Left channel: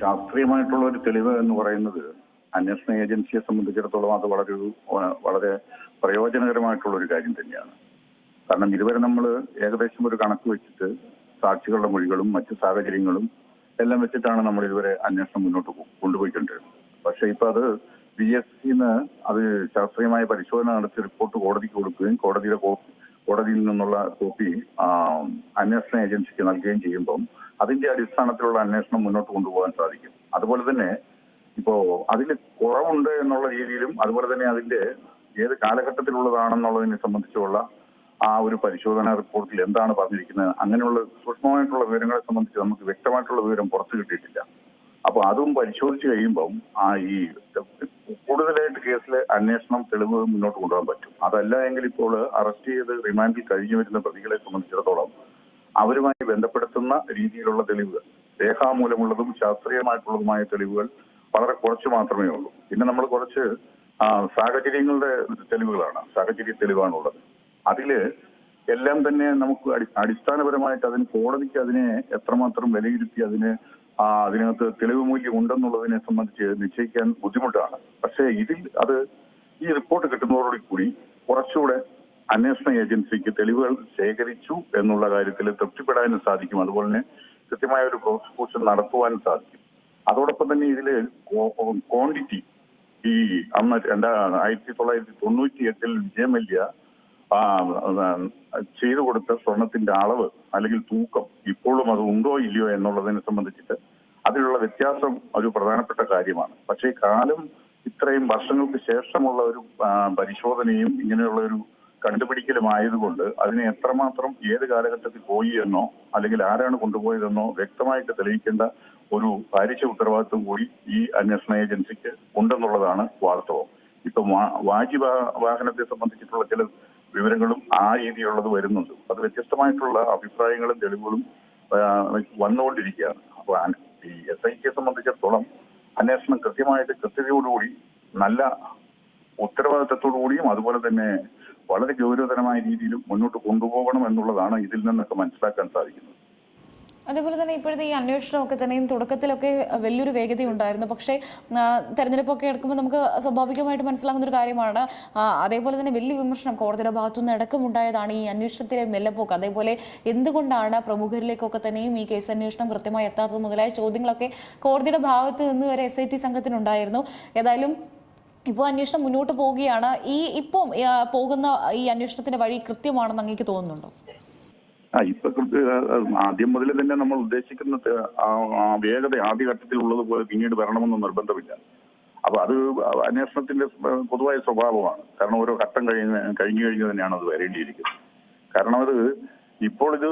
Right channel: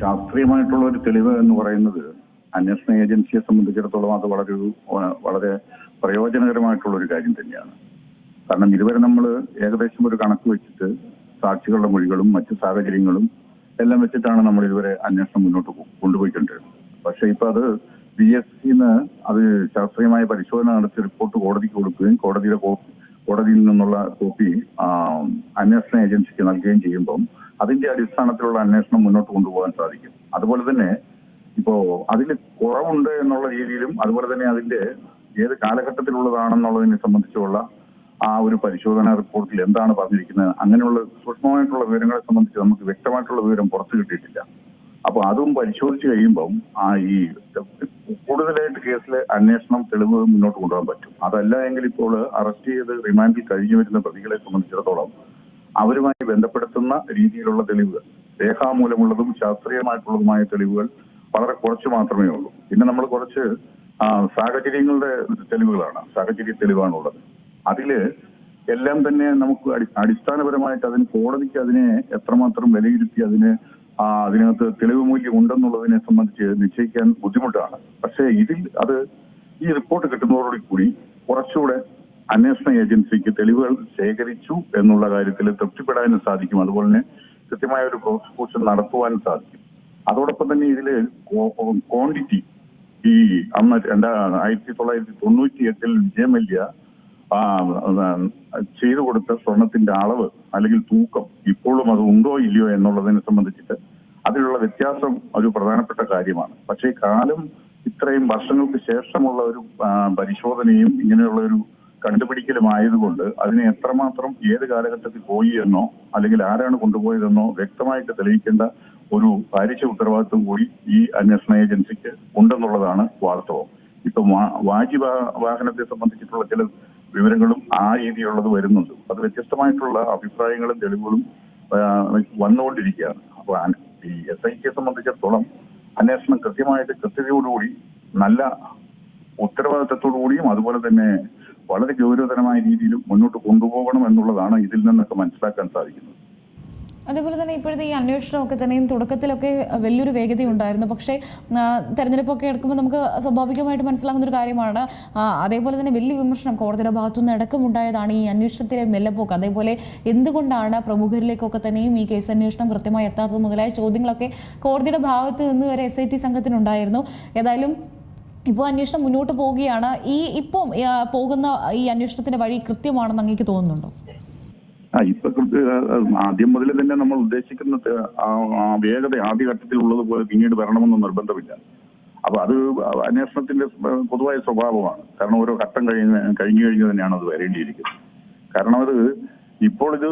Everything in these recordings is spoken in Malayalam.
ശാസ്ത്രീയമായിട്ടുള്ള ഒരു തെളിവ് എന്ന് പറയുന്നത് അന്വേഷണ ഏജൻസിയെ സംബന്ധിച്ചിടത്തോളം അത് വളരെ പ്രയോജനകരമായിട്ടുള്ള ഒരു കാര്യം തന്നെയാണ്. കാരണം ഇതുവരെ നമ്മൾ ഏകദേശം ഒരു കണക്ക് വെച്ചിട്ട് സാക്ഷികളുടെ മൊഴികളും മറ്റു സാഹചര്യങ്ങളും എല്ലാം വെച്ചിട്ടാണ് നമ്മൾ ഇതുവരെ അന്വേഷണം മുന്നോട്ട് കൊണ്ടുപോയിക്കൊണ്ടിരുന്നത്. പക്ഷെ ഇപ്പൊ അത് BSc-ന്ന് അത് ശാസ്ത്രീയമായ പരിശോധന നടത്തി റിപ്പോർട്ട് കോടതിക്ക് കൊടുക്കുകയും കോടതിയിൽ നിന്നുള്ള കോപ്പി അന്വേഷണ ഏജൻസിക്ക് നൽകുകയും ചെയ്യുമ്പം അതിന്റെ അടിസ്ഥാനത്തിലുള്ള അന്വേഷണം മുന്നോട്ട് കൊണ്ടുപോകാൻ സാധിക്കും. അതുപോലെ തന്നെ ഇപ്പോ അതിൽ കുറവുണ്ട് എന്നുള്ള രീതിയിലും അതുപോലെ തന്നെ അതിന്റെ ഏത് കാലഘട്ടത്തിലുള്ളതാണെന്നുള്ളതിനെ സംബന്ധിച്ചുള്ള ആ ഒരു പരിശോധനാ റിപ്പോർട്ടിൽ എന്താണ് പറഞ്ഞിരിക്കുന്നത്, അങ്ങനെയുള്ള സൂക്ഷ്മമായിട്ടുള്ള വിവരങ്ങളെ സംബന്ധിച്ച് നമുക്ക് വ്യക്തമായിട്ടുള്ള വിവരം പുറത്തു കിട്ടിയിട്ടില്ല. അപ്പൊ അതും പരിശോധിച്ച് കഴിയുമ്പം ഈ കൂടുതലായിട്ട് കേസിലെ അന്വേഷണം തെളിവ് മുന്നോട്ട് കൊണ്ടുപോകാൻ പറ്റും. അതല്ല എങ്കിൽ ഇപ്പോൾ അറസ്റ്റ് ചെയ്ത് റിമാൻഡിൽ കഴിഞ്ഞു വരുന്ന പ്രതികളെ സംബന്ധിച്ചിടത്തോളം അവരുമായി ബന്ധപ്പെടുത്തുന്ന രീതിയിലുള്ള തെളിവുകൾ, രേഖാമൂലമുള്ളതും ശാസ്ത്രീയമായിട്ടുള്ളതുമായ തെളിവുകൾ വളരെ കുറച്ച് മാത്രമേ ഉള്ളൂ. പിന്നെ നമ്മൾ കുറച്ച് സാഹചര്യങ്ങളുടെ തെളിവുകളാണ്, സാഹചര്യ തെളിവാണുള്ളത്. അതില് എല്ലാം തന്നെ നമുക്ക് അടിസ്ഥാനപരമായിട്ട് അതിന് കോടതിക്ക് അതിനെ എത്രമാത്രം വിലയിരുത്തി അതിനകത്ത് തെളിവ് മൂല്യം ഉണ്ടെന്നുള്ളതിനെ സംബന്ധിച്ച് നിശ്ചയിക്കാൻ ബുദ്ധിമുട്ടാണ്. പക്ഷേ ഇതിൽ ഈ റിപ്പോർട്ട് കിട്ടുന്നതോടുകൂടി കുറച്ചുകൂടെ അന്വേഷണ ഏജൻസിക്ക് തെളിവുകൾ ശേഖരിച്ചു എന്നുള്ള കാര്യത്തിൽ തൃപ്തിപ്പെടാനും സാധിക്കും. അതുപോലെ തന്നെ കൃത്യമായ ഒരു പ്രോസിക്യൂഷൻ നടത്തുവാനും സാധിക്കും. അതോടൊപ്പം തന്നെ ഇതില് ക്വാണ്ടിറ്റി, ഈ അന്ന് 1998 വിജയമല്യ ചെയ്തു കൊടുത്ത സ്വർണത്തിന്റെ അളവ് അല്ലെങ്കിൽ തൂക്കം ഇപ്പോഴും അത് ഉണ്ടോ ഇല്ലയോ എന്നുള്ളതിനെ സംബന്ധിച്ചിട്ട് അതിലുള്ള വ്യത്യാസം ഒരു പ്രധാനപ്പെട്ട കാര്യമാണ്. പക്ഷേ കാലം ഇത്രയും വർഷങ്ങൾക്ക് ശേഷമുള്ള ഒരു പരിശോധനയും ഇങ്ങനെയുള്ള ഒരു കണ്ടുപിടിക്കലും ആയതുകൊണ്ട് അതിനെ എത്രമാത്രം ഏത് കാലഘട്ടത്തിൽ പോയി എന്നോ അല്ലെങ്കിൽ ആരാണ് കൊണ്ടുപോയതെന്നോ വ്യക്തമായിട്ട് തെളിയിക്കേണ്ട ഒരു കാര്യക്ഷമ ഉത്തരവാദിത്വം കൂടി ഈ അന്വേഷണ ഏജൻസിക്ക് ഉണ്ടെന്നുള്ളതാണ് വാസ്തവം. ഇപ്പൊ വാഹനത്തെ സംബന്ധിച്ചിട്ടുള്ള ചില വിവരങ്ങളും ആ രീതിയിലുള്ളത് വരുന്നുണ്ട്. അത് വ്യത്യസ്തമായിട്ടുള്ള അഭിപ്രായങ്ങളും തെളിവുകളും വന്നുകൊണ്ടിരിക്കുകയാണ്. അപ്പൊ ഈ SITയെ സംബന്ധിച്ചിടത്തോളം അന്വേഷണം കൃത്യതയോടുകൂടി നല്ല ഉത്തരവാദിത്തത്തോടു കൂടിയും അതുപോലെ തന്നെ വളരെ ഗൗരവതരമായ രീതിയിലും മുന്നോട്ട് കൊണ്ടുപോകണം എന്നുള്ളതാണ് ഇതിൽ നിന്നൊക്കെ മനസ്സിലാക്കാൻ സാധിക്കുന്നത്. അതേപോലെ തന്നെ ഇപ്പോഴത്തെ ഈ അന്വേഷണമൊക്കെ തന്നെയും തുടക്കത്തിലൊക്കെ വലിയൊരു വേഗതയുണ്ടായിരുന്നു. പക്ഷേ തെരഞ്ഞെടുപ്പൊക്കെ എടുക്കുമ്പോൾ നമുക്ക് സ്വാഭാവികമായിട്ട് മനസ്സിലാകുന്ന ഒരു കാര്യമാണ്. അതേപോലെ തന്നെ വലിയ വിമർശനം കോടതിയുടെ ഭാഗത്തുനിന്ന് അടക്കമുണ്ടായതാണ് ഈ അന്വേഷണത്തിലെ മെല്ലപ്പോക്ക്. അതേപോലെ എന്തുകൊണ്ടാണ് പ്രമുഖരിലേക്കൊക്കെ തന്നെയും ഈ കേസ് അന്വേഷണം കൃത്യമായി എത്താത്തത് മുതലായ ചോദ്യങ്ങളൊക്കെ കോടതിയുടെ ഭാഗത്ത് നിന്ന് വരെ SIT സംഘത്തിനുണ്ടായിരുന്നു. ഏതായാലും ഇപ്പോൾ അന്വേഷണം മുന്നോട്ട് പോവുകയാണ്. ഇപ്പം പോകുന്ന ഈ അന്വേഷണത്തിന്റെ വഴി കൃത്യമാണെന്ന് അങ്ങേക്ക് തോന്നുന്നുണ്ടോ? ഇപ്പൊ ആദ്യം മുതൽ തന്നെ നമ്മൾ ഉദ്ദേശിക്കുന്ന വേഗത ആദ്യഘട്ടത്തിൽ ഉള്ളതുപോലെ പിന്നീട് വരണമെന്ന് നിർബന്ധമില്ല. അപ്പൊ അത് അന്വേഷണത്തിന്റെ പൊതുവായ സ്വഭാവമാണ്. കാരണം ഓരോ ഘട്ടം കഴിഞ്ഞു തന്നെയാണ് അത് വരേണ്ടിയിരിക്കുന്നത്. കാരണം ഇപ്പോൾ ഇത്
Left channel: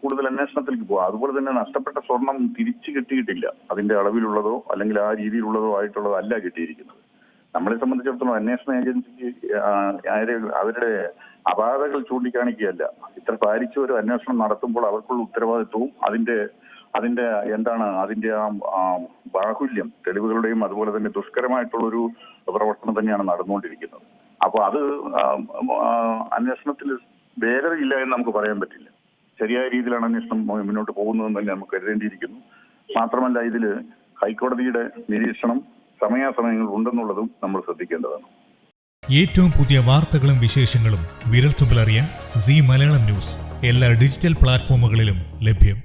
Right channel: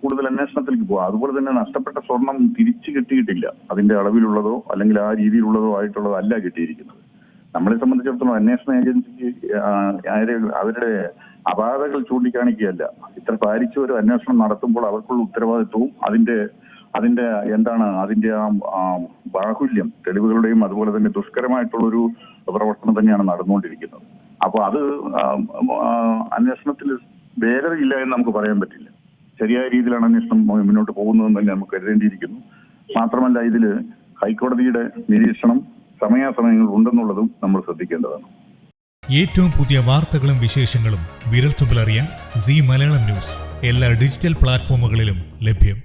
കൂടുതൽ അന്വേഷണത്തിലേക്ക് പോകാം. അതുപോലെ തന്നെ നഷ്ടപ്പെട്ട സ്വർണം തിരിച്ചു കിട്ടിയിട്ടില്ല. അതിന്റെ അളവിലുള്ളതോ അല്ലെങ്കിൽ ആ രീതിയിലുള്ളതോ ആയിട്ടുള്ളതോ അല്ല കിട്ടിയിരിക്കുന്നത്. നമ്മളെ സംബന്ധിച്ചിടത്തോളം അന്വേഷണ ഏജൻസിക്ക് അവരുടെ അപാകതകൾ ചൂണ്ടിക്കാണിക്കുകയല്ല. ഇത്ര പാലിച്ച ഒരു അന്വേഷണം നടത്തുമ്പോൾ അവർക്കുള്ള ഉത്തരവാദിത്വവും അതിന്റെ ആ ബാഹുല്യം തെളിവുകളുടെയും അതുപോലെ തന്നെ ദുഷ്കരമായിട്ടുള്ളൊരു പ്രവർത്തനം തന്നെയാണ് നടന്നുകൊണ്ടിരിക്കുന്നത്. അപ്പൊ അന്വേഷണത്തിൽ വേഗതയില്ല എന്ന് നമുക്ക് പറയാൻ പറ്റില്ല. ശരിയായ രീതിയിലാണ് അന്വേഷണം മുന്നോട്ട് പോകുന്നതെന്ന് തന്നെ നമുക്ക് കരുതേണ്ടിയിരിക്കുന്നു. മാത്രമല്ല ഇതില് ഹൈക്കോടതിയുടെ നിരീക്ഷണം സമയാസമയങ്ങൾ ഉണ്ടെന്നുള്ളതും നമ്മൾ ശ്രദ്ധിക്കേണ്ടതാണ്. ഏറ്റവും പുതിയ വാർത്തകളും വിശേഷങ്ങളും വിരൽത്തുമ്പിലറിയാൻ Zee മലയാളം ന്യൂസ് എല്ലാ ഡിജിറ്റൽ പ്ലാറ്റ്ഫോമുകളിലും ലഭ്യം.